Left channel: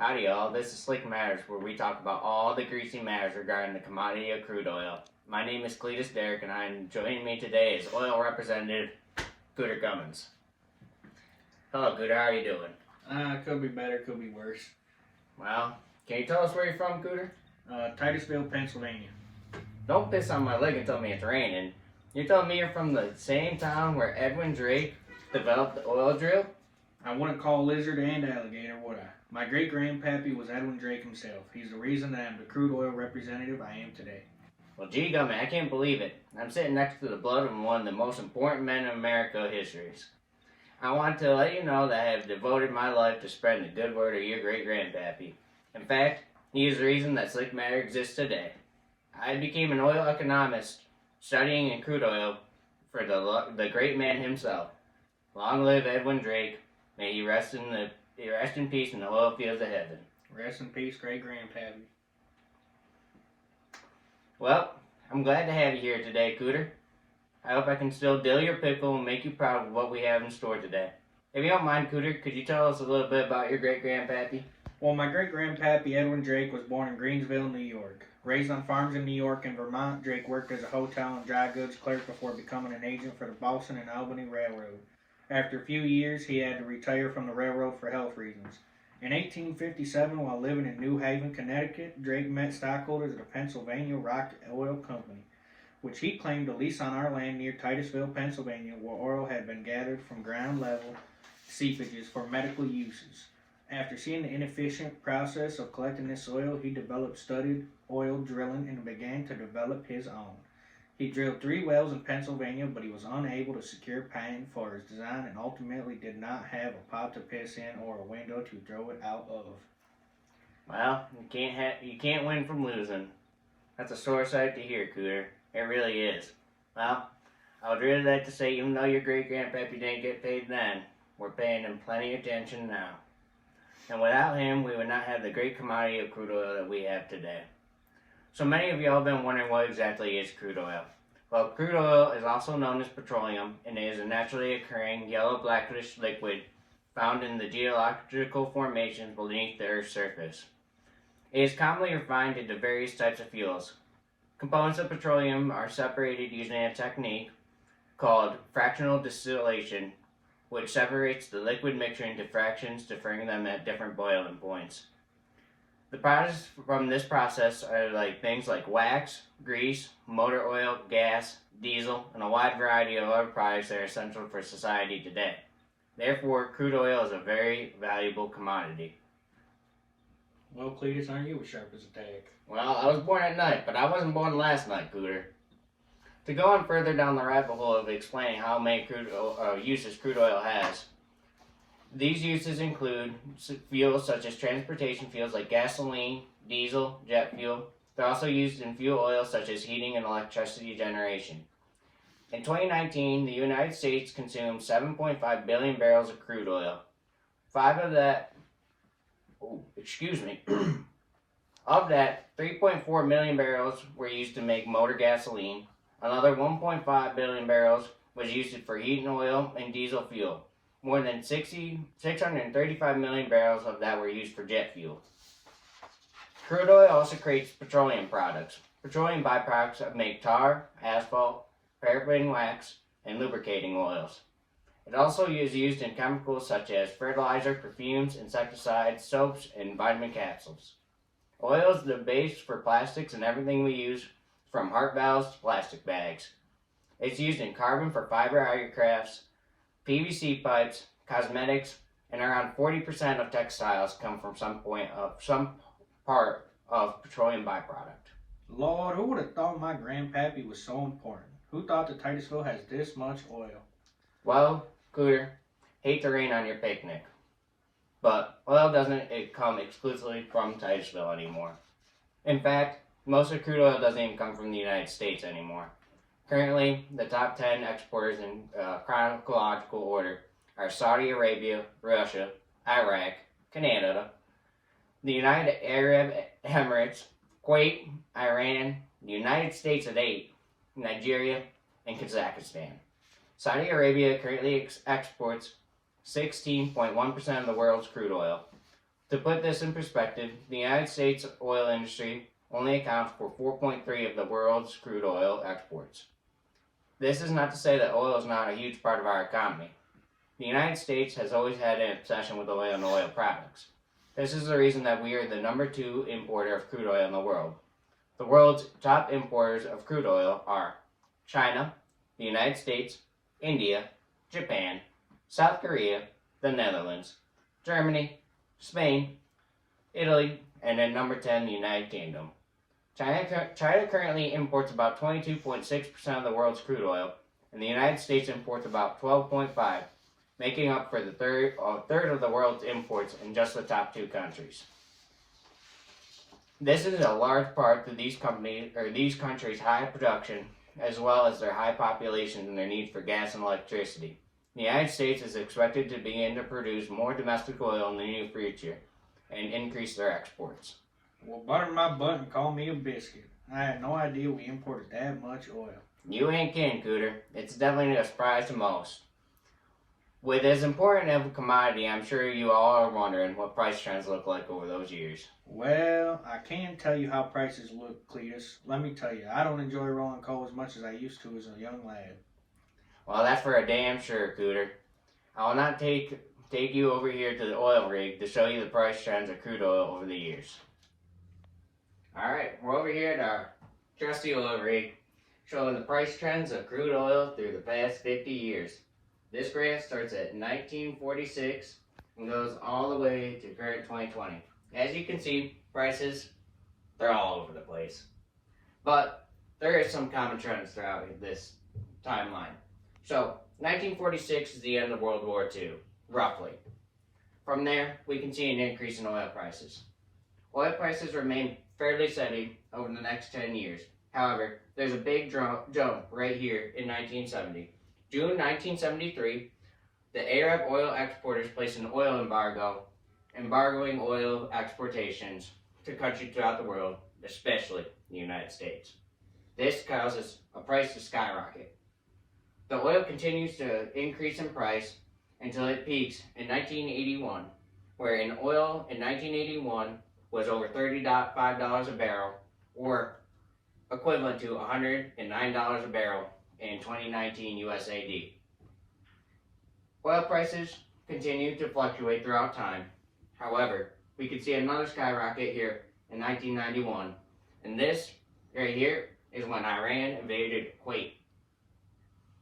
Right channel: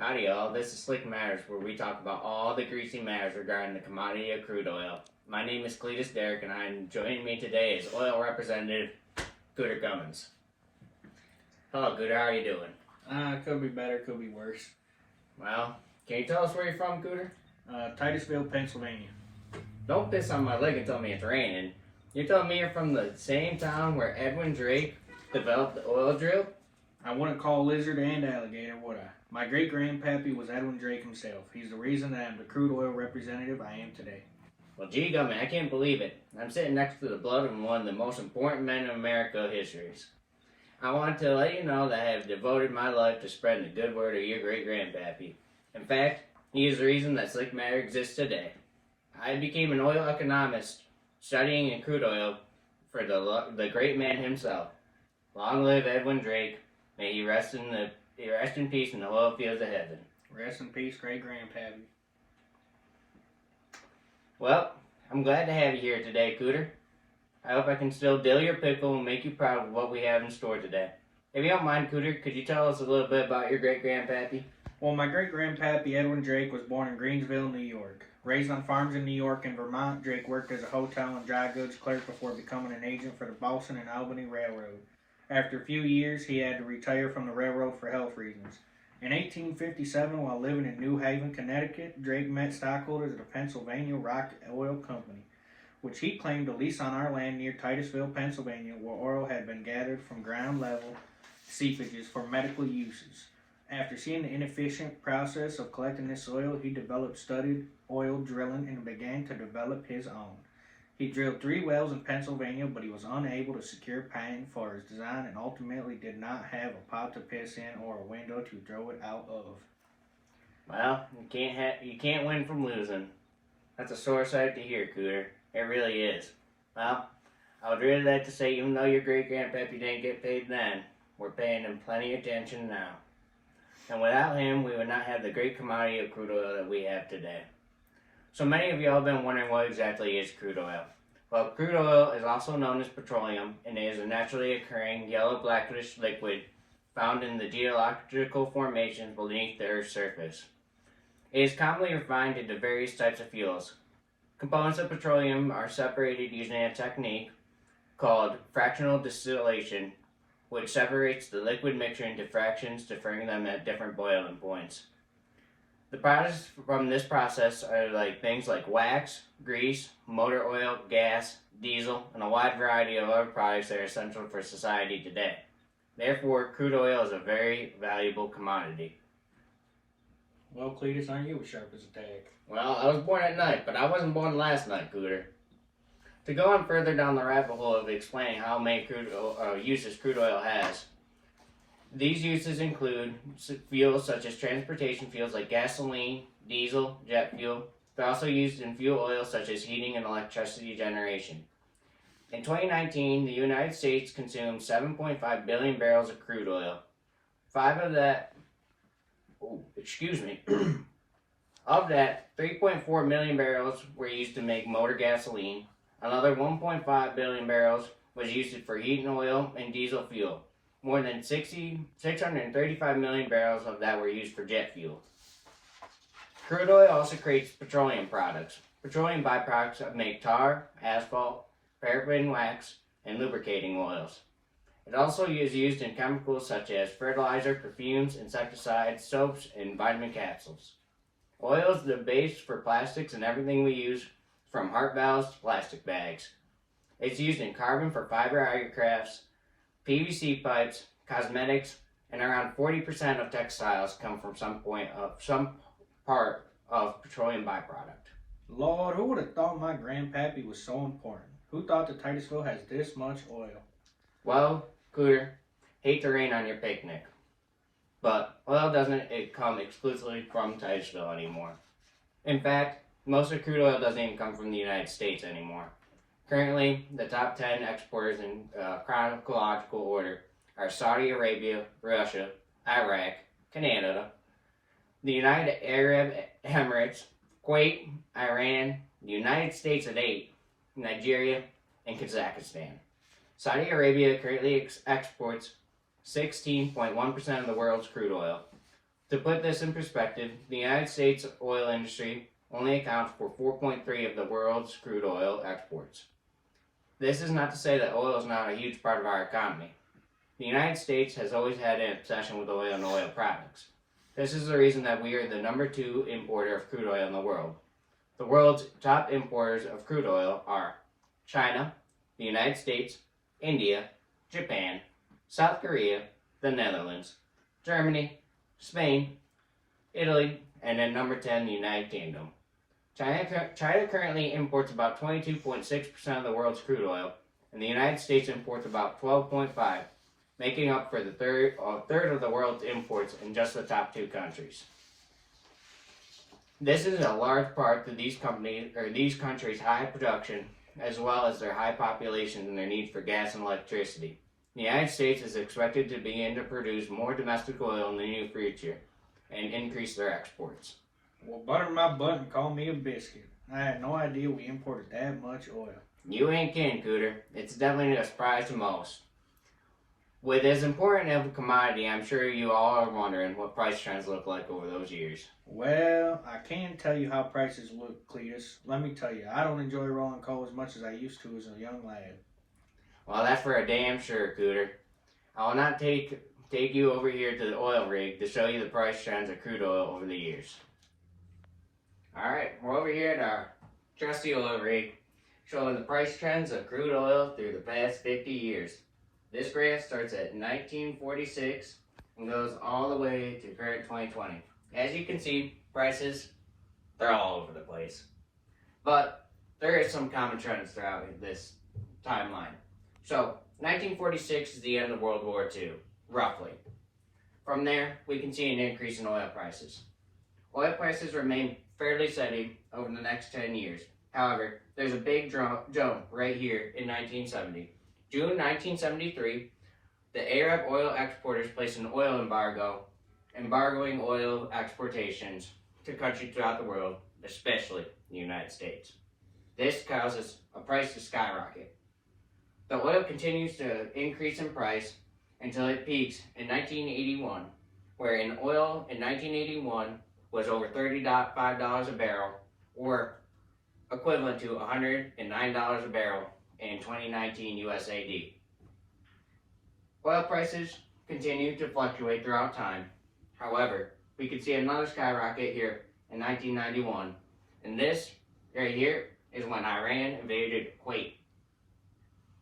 Howdy y'all, this is Slick Matters, where we talk about all the greasy matters regarding the commodity of crude oil. My name is Cletus, Derrick, and joining me today is oil representative Cooter Cummings. Hello Cooter, how are you doing? Could be better, could be worse. Well, can you tell us where you're from, Cooter? Titusville, Pennsylvania. Don't piss on my leg and tell me it's raining. You're telling me you're from the same town where Edwin Drake developed the oil drill? I wouldn't call lizard and alligator, would I? My great-grandpappy was Edwin Drake himself. He's the reason that I'm the crude oil representative I am today. Well, gee gummy, I can't believe it. I'm sitting next to the blood of one of the most important men in America histories. I want to let you know that I have devoted my life to spreading the good word of your great-grandpappy. In fact, he is the reason that Slick Matter exists today. I became an oil economist, studying in crude oil for the great man himself. Long live Edwin Drake. May he rest in peace in the oil fields of heaven. Rest in peace, great-grandpappy. Well, I'm glad to have you here today, Cooter. I hope I can still dill your pickle and make you proud of what we have in store today. If you don't mind, Cooter, could you tell us a little bit about your great-grandpappy? Well, my great-grandpappy, Edwin Drake, was born in Greensville, New York. Raised on farms in New York and Vermont, Drake worked as a hotel and dry goods clerk before becoming an agent for the Boston and Albany Railroad. After a few years, he had to retire from the railroad for health reasons. In 1857, while living in New Haven, Connecticut, Drake met stockholders of the Pennsylvania Rock Oil Company, which he claimed to lease on our land near Titusville, Pennsylvania, where oil had been gathered from ground-level seepages for medical uses. After seeing the inefficient process of collecting this oil, he studied oil drilling and began to develop his own. He drilled 3 wells in Pennsylvania, but he was unable to secure patent for his design and ultimately did not have a pot to piss in or a window to throw it out of. Well, you can't win from losing. That's a sore sight to hear, Cooter. It really is. Well, I would really like to say, even though your great-grandpappy didn't get paid then, we're paying him plenty of attention now. And without him, we would not have the great commodity of crude oil that we have today. So many of y'all have been wondering what exactly is crude oil. Well, crude oil is also known as petroleum, and it is a naturally occurring yellow-blackish liquid found in the geological formations beneath the Earth's surface. It is commonly refined into various types of fuels. Components of petroleum are separated using a technique called fractional distillation, which separates the liquid mixture into fractions to bring them at different boiling points. The products from this process are things like wax, grease, motor oil, gas, diesel, and a wide variety of other products that are essential for society today. Therefore, crude oil is a very valuable commodity. Well, Cletus, aren't you as sharp as a tack? Well, I was born at night, but I wasn't born last night, Cooter. To go on further down the rabbit hole of explaining how many uses crude oil has, these uses include fuels such as transportation fuels like gasoline, diesel, jet fuel. They're also used in fuel oil such as heating and electricity generation. In 2019, the United States consumed 7.5 billion barrels of crude oil. Of that, 3.4 million barrels were used to make motor gasoline. Another 1.5 billion barrels was used for heating oil and diesel fuel. More than 635 million barrels of that were used for jet fuel. Crude oil also creates petroleum products. Petroleum byproducts make tar, asphalt, paraffin wax, and lubricating oils. It also is used in chemicals such as fertilizer, perfumes, insecticides, soaps, and vitamin capsules. Oil is the base for plastics and everything we use, from heart valves to plastic bags. It's used in carbon for fiber aircrafts, PVC pipes, cosmetics, and around 40% of textiles come from some part of petroleum byproduct. Lord, who would have thought my grandpappy was so important? Who thought that Titusville has this much oil? Well, Cooter, hate to rain on your picnic, but oil doesn't come exclusively from Titusville anymore. In fact, most of crude oil doesn't even come from the United States anymore. Currently, the top 10 exporters in chronological order are Saudi Arabia, Russia, Iraq, Canada, the United Arab Emirates, Kuwait, Iran, the United States at 8, Nigeria, and Kazakhstan. Saudi Arabia currently exports 16.1% of the world's crude oil. To put this in perspective, the United States oil industry only accounts for 4.3 of the world's crude oil exports. This is not to say that oil is not a huge part of our economy. The United States has always had an obsession with oil and oil products. This is the reason that we are the number 2 importer of crude oil in the world. The world's top importers of crude oil are China, the United States, India, Japan, South Korea, the Netherlands, Germany, Spain, Italy, and at number 10, the United Kingdom. China currently imports about 22.6% of the world's crude oil, and the United States imports about 12.5%, making up for the third of the world's imports in just the top 2 countries. This is a large part to these countries' high production, as well as their high populations and their need for gas and electricity. The United States is expected to begin to produce more domestic oil in the near future and increase their exports. Well, butter my butt and call me a biscuit. I had no idea we imported that much oil. You ain't kidding, Cooter. It's definitely a surprise to most. With as important of a commodity, I'm sure you all are wondering what price trends look like over those years. Well, I can't tell you how prices look, Cletus. Let me tell you, I don't enjoy rolling coal as much as I used to as a young lad. Well, that's for a damn sure, Cooter. I will not take you over here to the oil rig to show you the price trends of crude oil over the years. Alright, we're over here at our trusty oil rig, showing the price trends of crude oil through the past 50 years. This graph starts at 1946 and goes all the way to current 2020. As you can see, prices, they're all over the place. But there is some common trends throughout this timeline. So, 1946 is the end of World War II, roughly. From there, we can see an increase in oil prices. Oil prices remain fairly steady over the next 10 years. However, there's a big jump right here in 1970. June 1973, the Arab oil exporters placed an oil embargo, embargoing oil exportations to countries throughout the world, especially the United States. This causes a price to skyrocket. The oil continues to increase in price until it peaks in 1981, where oil in 1981 was over $35 a barrel, or equivalent to $109 a barrel in 2019 USAD. Oil prices continue to fluctuate throughout time. However, we could see another skyrocket here in 1991, and this right here is when Iran invaded Kuwait.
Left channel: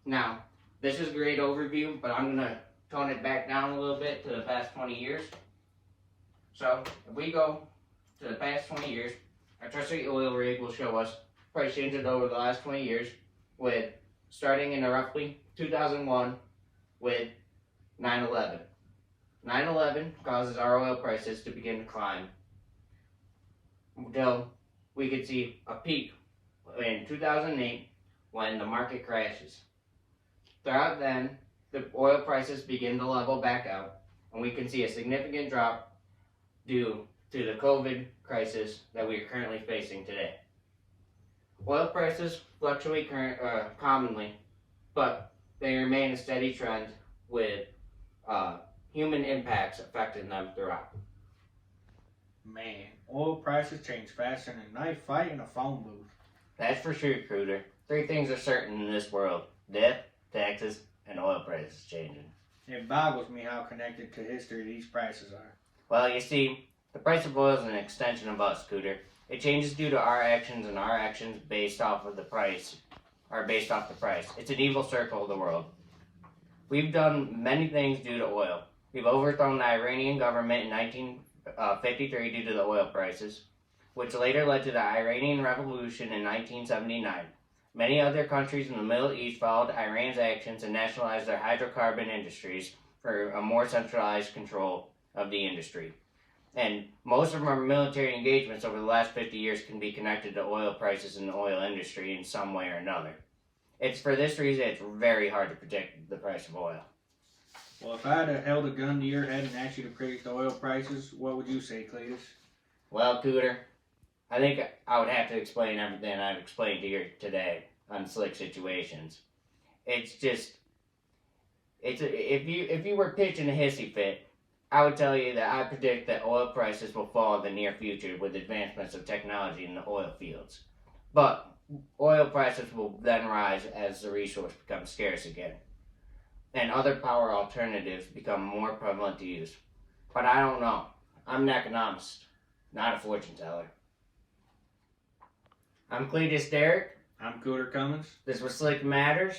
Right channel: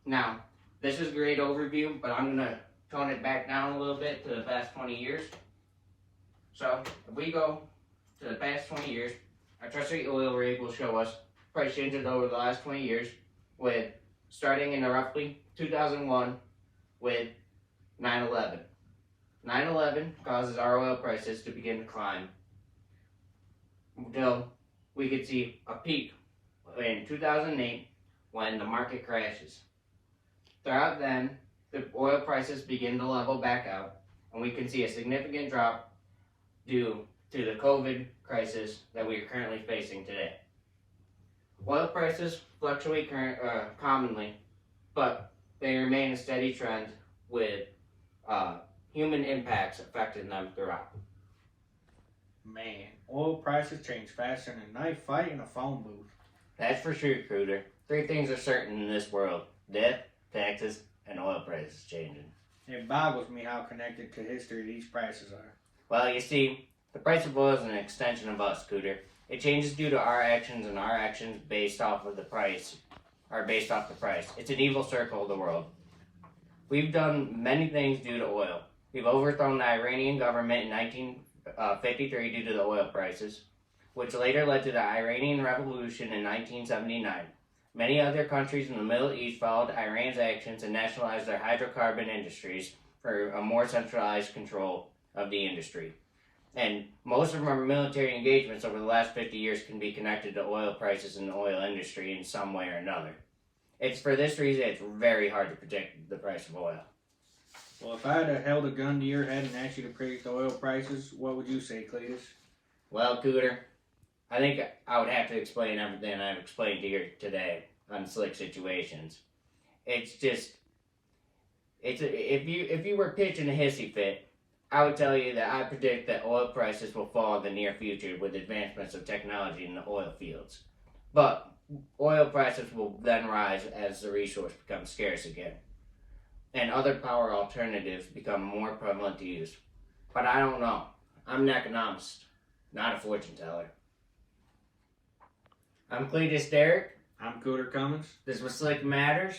Now, this is a great overview, but I'm going to tone it back down a little bit to the past 20 years. So, if we go to the past 20 years, our trusty oil rig will show us price changes over the last 20 years, with starting in roughly 2001 with 9/11. 9/11 causes our oil prices to begin to climb until we could see a peak in 2008 when the market crashes. Throughout then, the oil prices begin to level back out, and we can see a significant drop due to the COVID crisis that we are currently facing today. Oil prices fluctuate commonly, but they remain a steady trend with human impacts affecting them throughout. Man, oil prices change faster than a knife fight in a phone booth. That's for sure, Cooter. 3 things are certain in this world: death, taxes, and oil prices changing. It boggles me how connected to history these prices are. Well, you see, the price of oil is an extension of us, Cooter. It changes due to our actions, and our actions based off of the price are based off the price. It's an evil circle of the world. We've done many things due to oil. We've overthrown the Iranian government in 1953 due to the oil prices, which later led to the Iranian Revolution in 1979. Many other countries in the Middle East followed Iran's actions and nationalized their hydrocarbon industries for a more centralized control of the industry. And most of our military engagements over the last 50 years can be connected to oil prices in the oil industry in some way or another. It's for this reason it's very hard to predict the price of oil. Well, if I had held a gun to your head and asked you to predict the oil prices, what would you say, Cletus? Well, Cooter, I think I would have to explain everything I've explained to you today on slick situations. It's just, if you were pitching a hissy fit, I would tell you that I predict that oil prices will fall in the near future with advancements of technology in the oil fields. But oil prices will then rise as the resource becomes scarce again, and other power alternatives become more prevalent to use. But I don't know. I'm an economist, not a fortune teller. I'm Cletus Derrick. I'm Cooter Cummings. This was Slick Matters.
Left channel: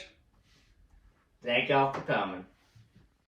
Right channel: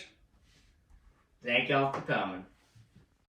Thank y'all for coming.